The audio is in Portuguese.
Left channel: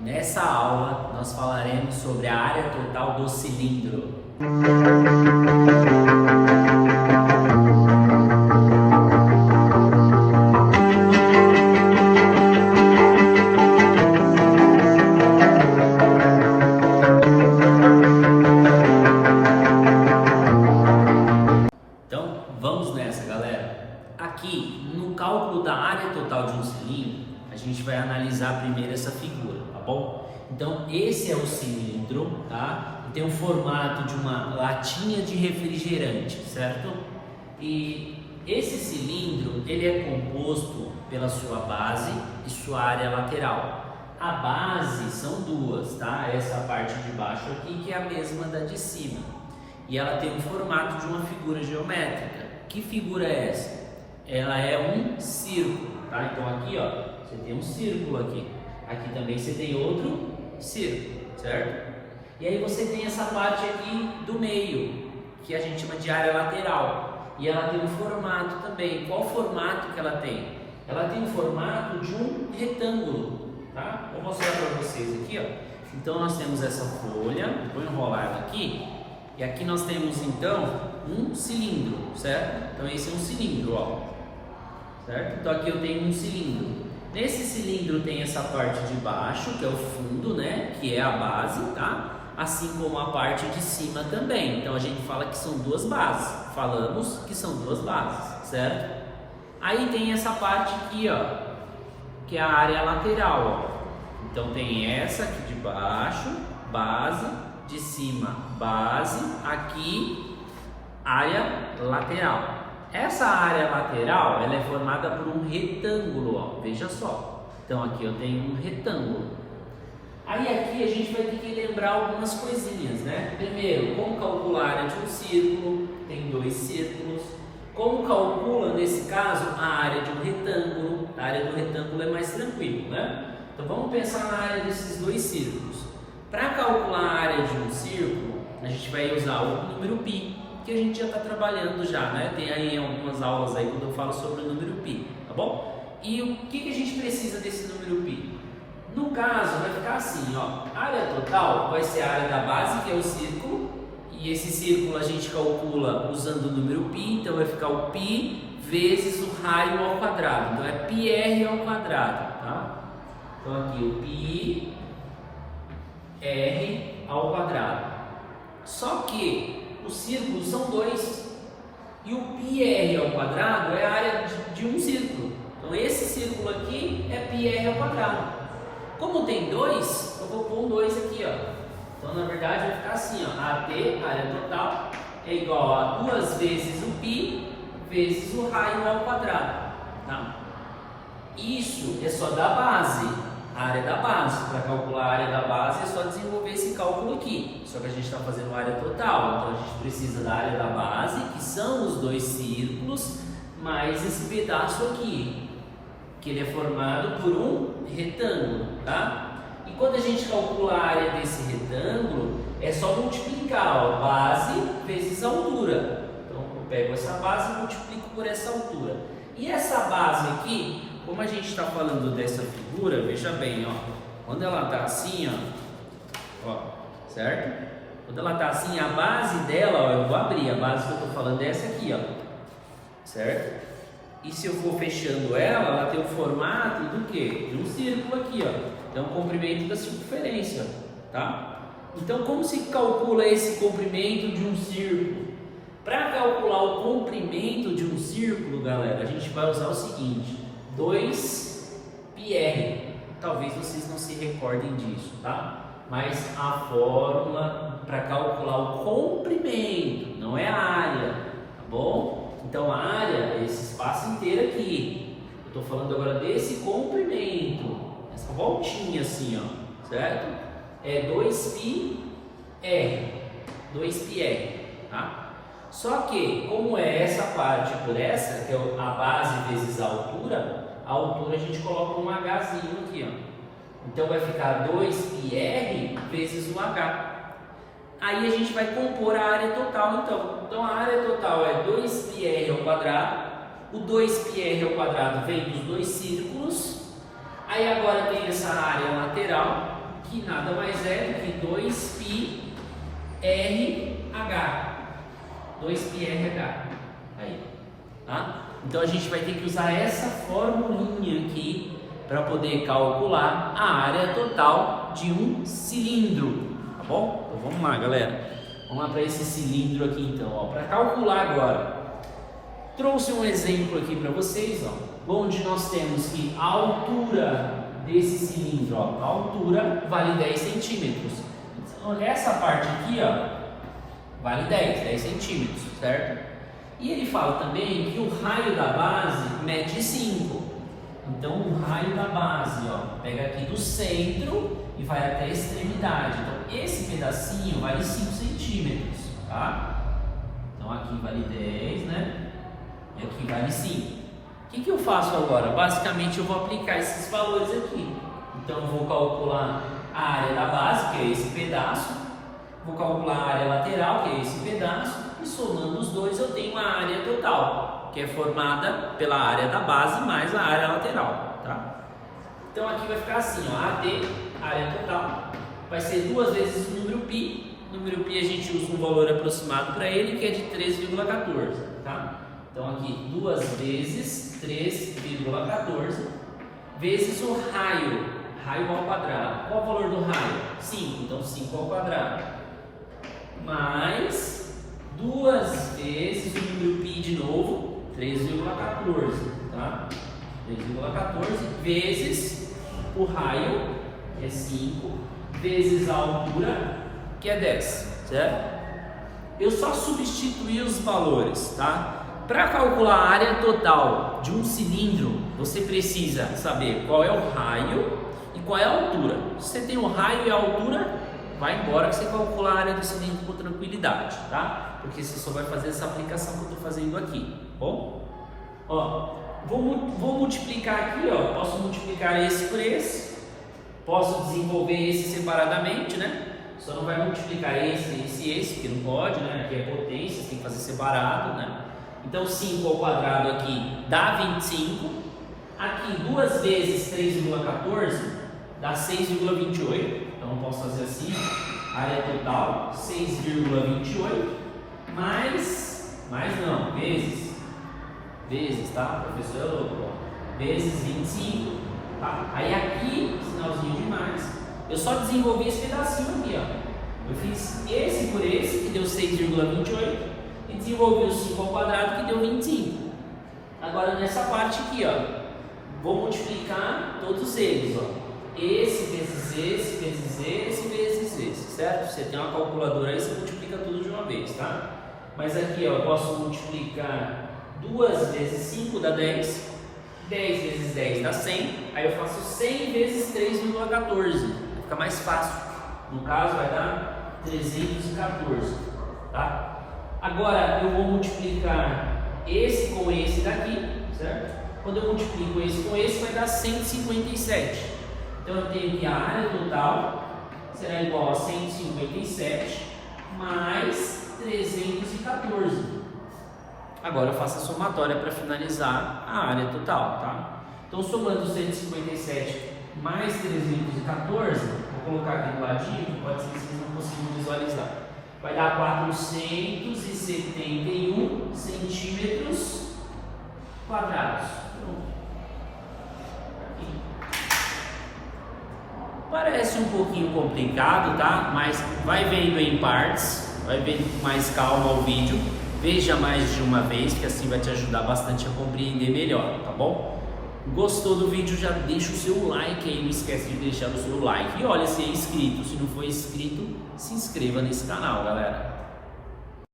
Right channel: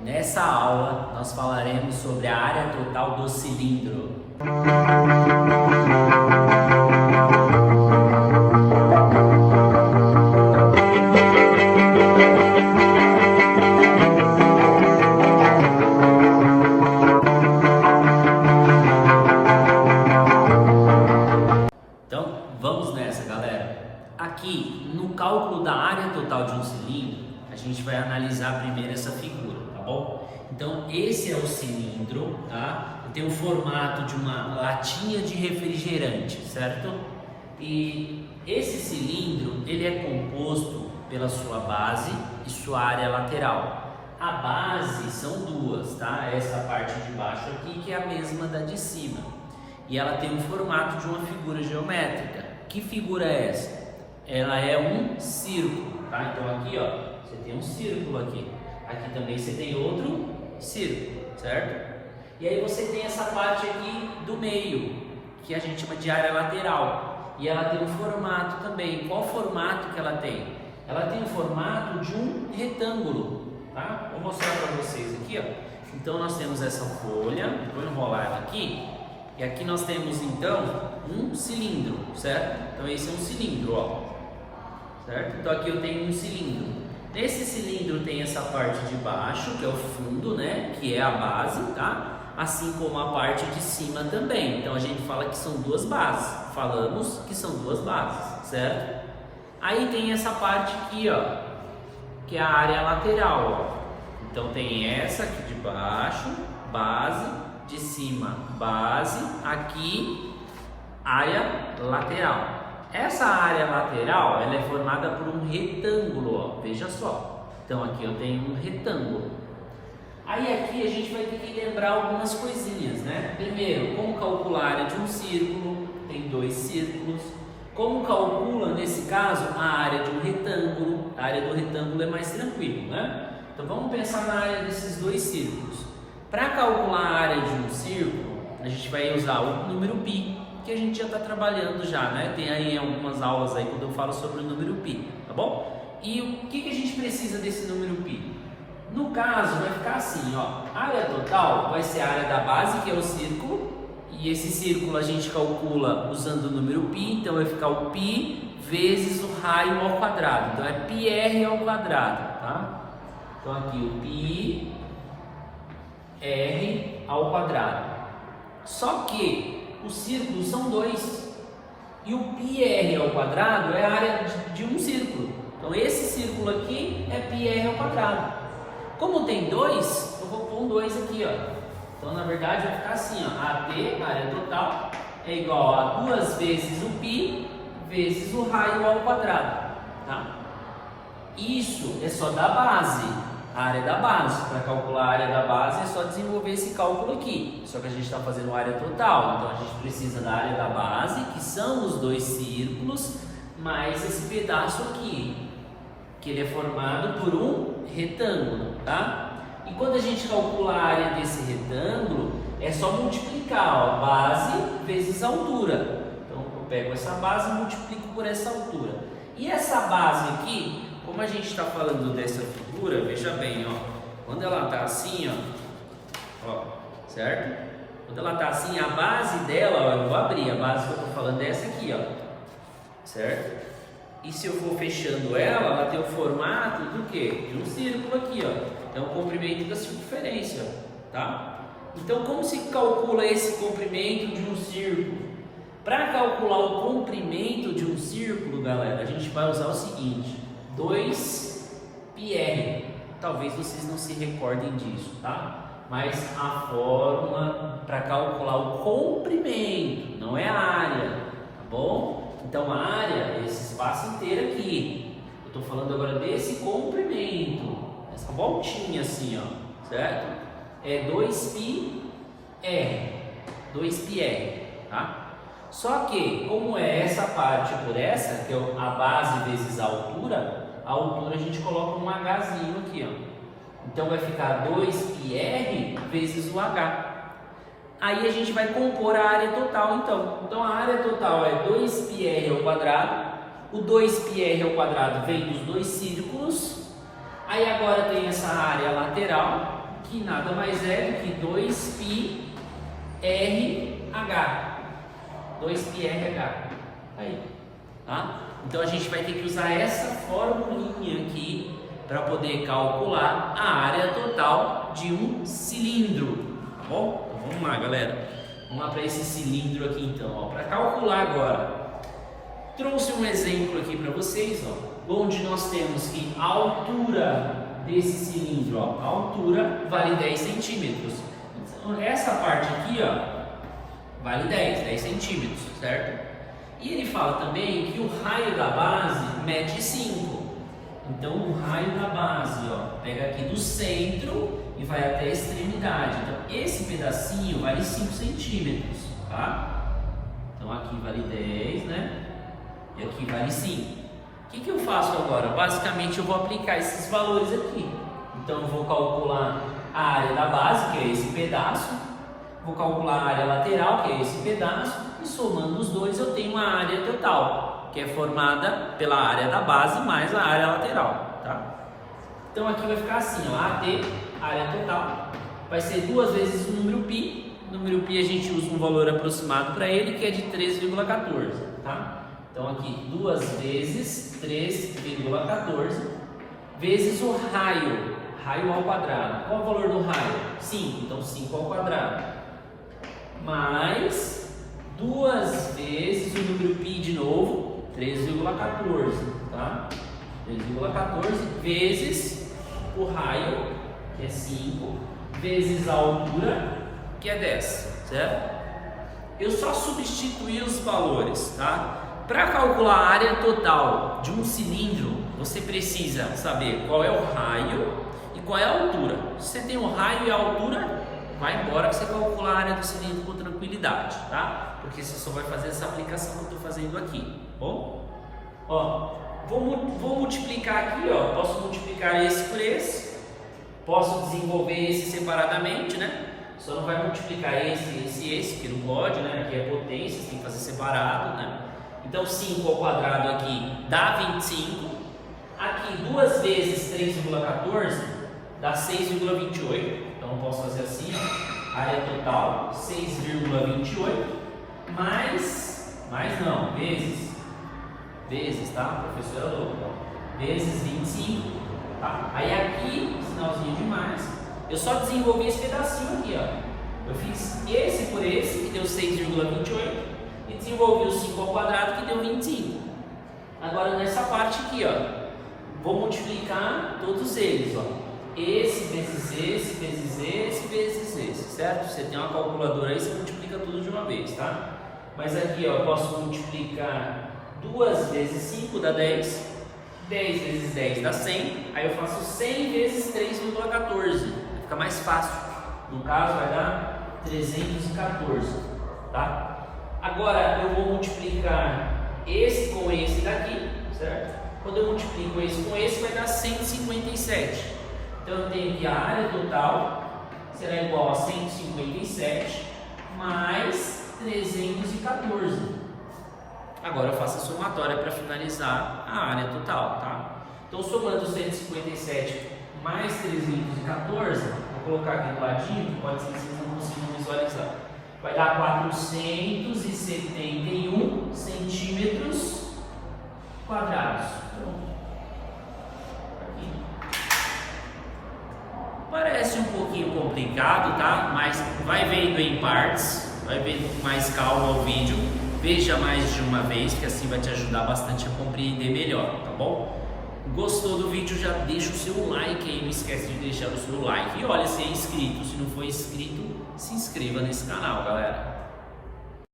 Nessa aula, nós falaremos sobre a área total do cilindro. Então, vamos nessa, galera. Aqui, no cálculo da área total de um cilindro, a gente vai analisar primeiro essa figura, tá bom? Então, esse é o cilindro, tá? Tem o formato de uma latinha de refrigerante, certo? E esse cilindro, ele é composto pela sua base e sua área lateral. A base são duas, tá? Essa parte de baixo aqui, que é a mesma da de cima. E ela tem um formato de uma figura geométrica. Que figura é essa? Ela é um círculo, tá? Então aqui, ó, você tem um círculo aqui. Aqui também você tem outro círculo, certo? E aí você tem essa parte aqui do meio, que a gente chama de área lateral. E ela tem um formato também. Qual formato que ela tem? Ela tem o formato de um retângulo, tá? Vou mostrar para vocês aqui, ó. Então nós temos essa folha, vou enrolar ela aqui. E aqui nós temos então um cilindro, certo? Então esse é um cilindro, ó. Certo? Então aqui eu tenho um cilindro. Nesse cilindro tem essa parte de baixo, que é o fundo, né? Que é a base, tá? Assim como a parte de cima também. Então a gente fala que são duas bases. Falamos que são duas bases, certo? Aí tem essa parte aqui, ó, que é a área lateral, ó. Então tem essa aqui de baixo, base, de cima, base, aqui, área lateral. Essa área lateral, ela é formada por um retângulo, ó, veja só. Então aqui eu tenho um retângulo. Aí aqui a gente vai ter que lembrar algumas coisinhas, né? Primeiro, como calcular a área de um círculo? Tem dois círculos. Como calcula, nesse caso, a área de um retângulo? A área do retângulo é mais tranquilo, né? Então vamos pensar na área desses dois círculos. Para calcular a área de um círculo, a gente vai usar o número π, que a gente já está trabalhando já, né? Tem aí algumas aulas aí quando eu falo sobre o número π, tá bom? E o que a gente precisa desse número π? No caso, vai ficar assim, ó. A área total vai ser a área da base, que é o círculo, e esse círculo a gente calcula usando o número π, então vai ficar o π vezes o raio ao quadrado. Então é πr ao quadrado, tá? Então aqui o πr ao quadrado. Só que os círculos são dois e o πr ao quadrado é a área de um círculo. Então esse círculo aqui é πr ao quadrado. Como tem dois, eu vou pôr um 2 aqui, ó. Então na verdade vai ficar assim, ó. AT, área total, é igual a 2 vezes o π vezes o raio ao quadrado, tá? Isso é só da base, a área da base. Para calcular a área da base é só desenvolver esse cálculo aqui. Só que a gente está fazendo a área total, então a gente precisa da área da base, que são os dois círculos, mais esse pedaço aqui, que ele é formado por um retângulo, tá? E quando a gente calcula a área desse retângulo, é só multiplicar, ó, base vezes altura. Então eu pego essa base e multiplico por essa altura. E essa base aqui, como a gente está falando dessa figura, veja bem, ó, quando ela está assim, ó, certo? Quando ela está assim, a base dela, ó, eu vou abrir, a base que eu estou falando é essa aqui, ó, certo? E se eu for fechando ela tem o formato do quê? De um círculo aqui, ó. Então, o comprimento da circunferência, tá? Então, como se calcula esse comprimento de um círculo? Para calcular o comprimento de um círculo, galera, a gente vai usar o seguinte: 2πr. Talvez vocês não se recordem disso, tá? Mas a fórmula para calcular o comprimento, não é a área, tá bom? Então a área é esse espaço inteiro aqui. Eu estou falando agora desse comprimento, essa voltinha assim, ó, certo? É 2πr, 2πr, tá? Só que, como é essa parte por essa, que é a base vezes a altura a gente coloca um hzinho aqui, ó. Então vai ficar 2πr vezes o h. Aí a gente vai compor a área total, então. Então a área total é 2πr ao quadrado. O 2πr ao quadrado vem dos dois círculos. Aí agora tem essa área lateral, que nada mais é do que 2πrh. 2πrh. Aí, tá? Então a gente vai ter que usar essa formulinha aqui para poder calcular a área total de um cilindro, tá bom? Então vamos lá, galera. Vamos lá para esse cilindro aqui então, ó, para calcular agora. Trouxe um exemplo aqui para vocês, ó, onde nós temos que a altura desse cilindro, ó, a altura vale 10 centímetros. Então essa parte aqui, ó, vale 10 centímetros, certo? E ele fala também que o raio da base mede 5. Então o raio da base, ó, pega aqui do centro e vai até a extremidade. Então esse pedacinho vale 5 centímetros, tá? Então aqui vale 10, né? E aqui vale 5. O que eu faço agora? Basicamente eu vou aplicar esses valores aqui. Então eu vou calcular a área da base, que é esse pedaço. Vou calcular a área lateral, que é esse pedaço. E somando os dois eu tenho a área total, que é formada pela área da base mais a área lateral, tá? Então aqui vai ficar assim, ó, AT, área total, vai ser 2 vezes o número π. O número π a gente usa um valor aproximado para ele, que é de 3,14, tá? Então aqui 2 vezes 3,14 vezes o raio, raio ao quadrado. Qual o valor do raio? 5, então 5 ao quadrado, mais 2 vezes o número π de novo, 3,14, tá? 3,14 vezes o raio, que é 5, vezes a altura, que é 10, certo? Eu só substituí os valores, tá? Para calcular a área total de um cilindro, você precisa saber qual é o raio e qual é a altura. Se você tem o raio e a altura, vai embora que você calcula a área do cilindro com tranquilidade, tá? Porque você só vai fazer essa aplicação que eu estou fazendo aqui, bom? Ó, vou multiplicar aqui, ó, posso multiplicar esse por esse, posso desenvolver esse separadamente, né? Só não vai multiplicar esse, porque não pode, né? Aqui é potência, tem que fazer separado, né? Então 5 ao quadrado aqui dá 25, aqui 2 vezes 3,14 dá 6,28, então eu posso fazer assim, ó, área total 6,28 vezes, tá? O professor é louco, ó, vezes 25, tá? Aí aqui, sinalzinho de mais, eu só desenvolvi esse pedacinho aqui, ó, eu fiz esse por esse, que deu 6,28, e desenvolvi o 5 ao quadrado, que deu 25. Agora nessa parte aqui, ó, vou multiplicar todos eles, ó, esse vezes esse, vezes esse, vezes esse, certo? Você tem uma calculadora aí, você multiplica tudo de uma vez, tá? Mas aqui, ó, eu posso multiplicar 2 vezes 5 dá 10, 10 vezes 10 dá 100, aí eu faço 100 vezes 3,14, vai ficar mais fácil. No caso vai dar 314, tá? Agora eu vou multiplicar esse com esse daqui, certo? Quando eu multiplico esse com esse vai dar 157. Então eu tenho que a área total será igual a 157 mais 314. Agora eu faço a somatória para finalizar a área total, tá? Então somando 157 mais 314, vou colocar aqui do ladinho, pode ser que vocês não consigam visualizar. Vai dar 471 centímetros quadrados. Pronto. Parece um pouquinho complicado, tá? Mas vai vendo em partes, vai vendo com mais calma o vídeo. Veja mais de uma vez, que assim vai te ajudar bastante a compreender melhor, tá bom? Gostou do vídeo, já deixa o seu like aí, não esquece de deixar o seu like. E olha, se é inscrito, se não for inscrito, se inscreva nesse canal, galera.